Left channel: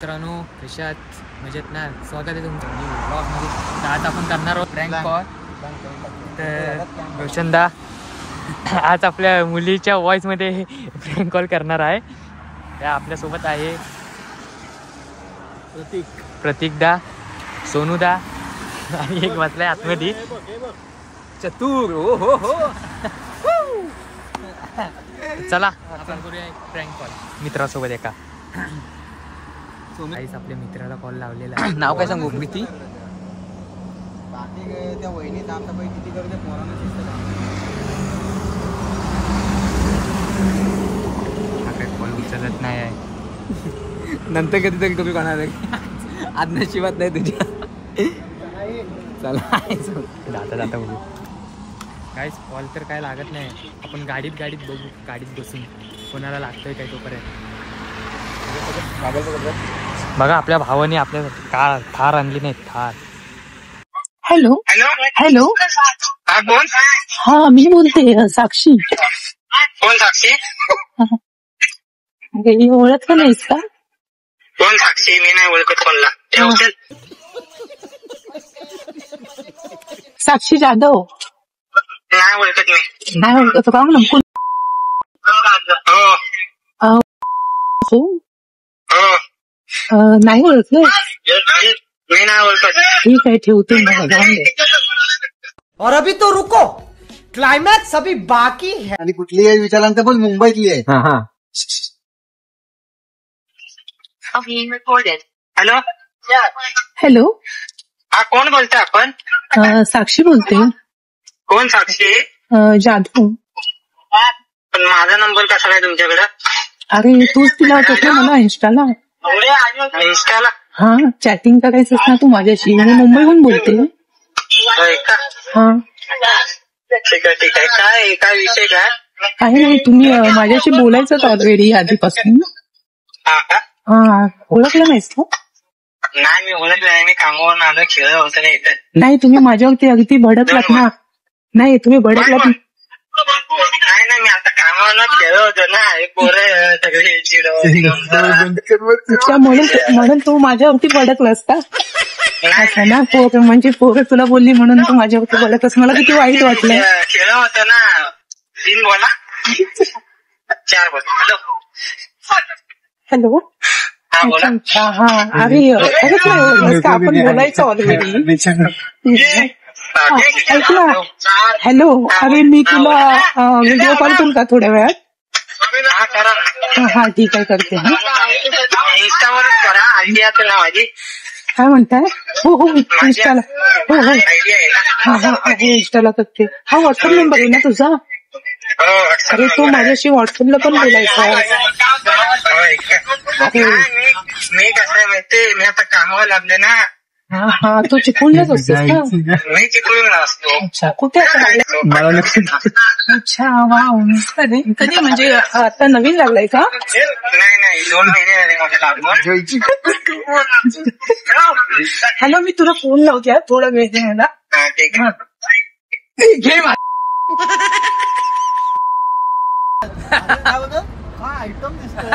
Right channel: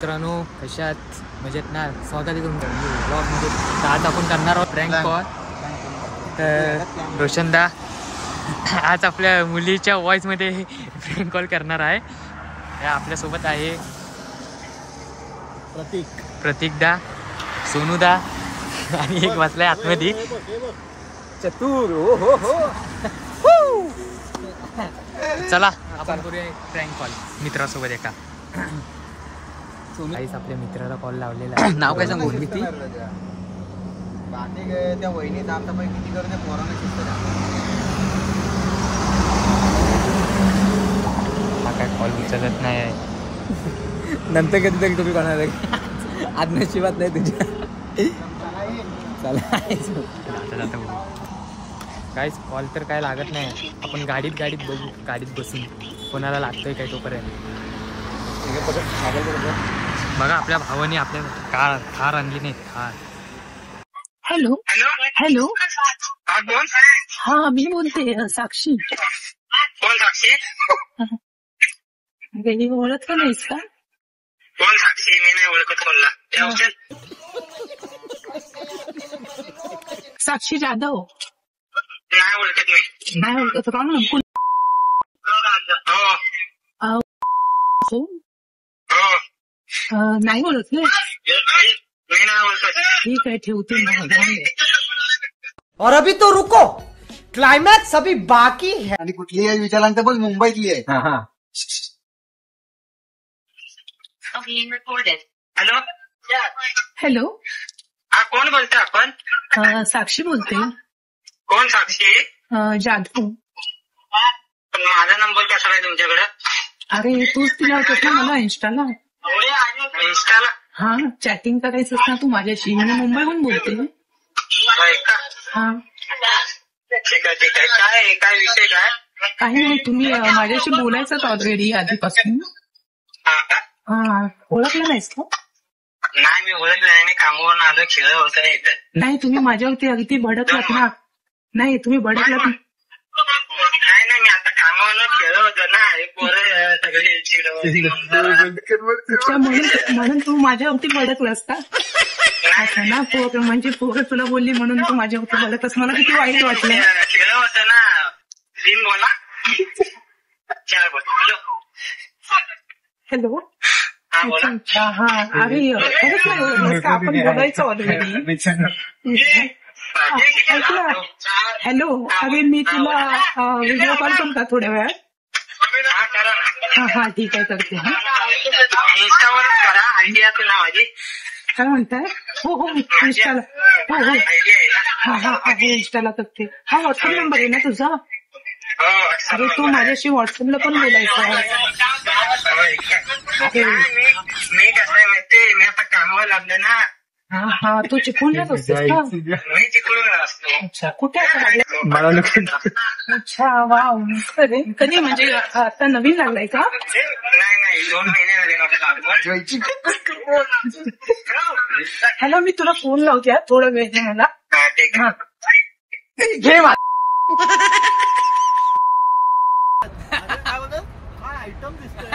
मित्रांनो कशा आहात? मजेत ना? स्वागत आहे तुमचं मी ब्लॉगमध्ये. तर आज आपण करणार आहोत प्रँक कॉल. तर रोशनदा आज आपल्या मुलीच्या वॉइसमध्ये प्रँक कॉल करणार आहे. या आपल्यासोबत आहे प्रतीकदा, सोनूदा आणि एक वाचलाय आतमध्ये चतुर. चला आपण करूया प्रँक कॉल मित्रासोबत एका. काहीच आपल्या मित्राला कॉल लावलेला आहे. नाव काय सांगून मी ती त्या वहिनी साफसफाई किती करते हा काय कॉल उचलत नाही आहे. नंतर कधीतरी तुम्ही कोणाला आज नशिबात नाही तुझ्या. चला जाता जाता बघू. काहीच कॉल तर काय लागत नाही. आपण गाडीत बघू, गाडीत बसून कोणाला लागतोय काय तोपर्यंत. बघा आपल्या भावाने आपल्यासाठी थार आणली नाही. थार. हॅलो हॅलो हा मी बोलते साक्षी. कोण साक्षी? ओळखलं नाहीस का? कोण साक्षी? मी नाही ओळखत कोणला. साक्षी जाधव. नाही ओळखत मी. नाही ओळखत का? हो नाही ओळखलं. मी नाही ओळखत. ठीक आहे ठेवते मग. जाऊन दे. और अभी तो रुको, क्लाइमॅक्स अभी बाकी है. आणि कुठली आहे विचारल्यानंतर बोल मुंबईतली आहे. हॅलो हॅलो हा कोण बोलतोय आपण? साक्षी बोलते. कोण साक्षी? जाधव. पण माझा नंबर कसा आहे तुमच्याकडे? अरे तूच दिला होतास ना मला इंस्टाला. इंस्टाला? हा चॅटिंग करायचं ना तू माझ्याशी. मी मुंबईहून बोलते. होय का? हा ठीक आहे. काय विषय काय? काही नाही, तुम्ही माझ्याशी बोलायचं ऑलरेडी आधीपासून. हा ओळखलं नाहीस का? नाही मी ओळखलं नाही. मी कामावरून आलो, खेळ होतं नाही इथे. नाही तुम्ही माझ्यावरती अगदी भडकलात ना. नाही तुम्ही भडकलात. नाही मी आता कामावर खेळ होतो ना. हे पोरं सगळे चिडवत म्हणून तू माझ्यावरती भडकलास का? असं ना पोरं म्हणजे पोरं तुला बोलली म्हणून तू माझ्यावरती भडकलास. मला किती वाईट वाटलं. खेळ होतं ना. 3 बोला 4 बोला. हॅलो हा बोला. अच्छा हा अरे खरंच नाही आपण बोलायचं ऑलरेडी. ऐक ना. हॅलो अरे मी तुला व्हिडिओ कॉल करू का थोड्या वेळात? हा ठीक आहे करते. हा इंस्टावरच करा. आयडी आहे ना माझी. काय म्हणताय? हो इंस्टाला. हो हा इंस्टाला करते. हा व्हॉट्सअप नंबर आहे ना तुझा? अरे तो माझ्याशी व्हॉट्सअपला पण बोलायचा. मी कसं आहे माहिती, मी आता कामावर लागले ना. हा तू चिपळूणलाच असतोस का? मी चिपळूणला असतो. अच्छा कुठे? अच्छा वाव. कधी म्हणजे आता नवीन लागलाय का? नाही 2 महिने झाले माझ्या कामावर. हॅलो मी तुला फोन लावते थोडा वेळ दे मला. ठीक आहे घे. आयटम दिसतोय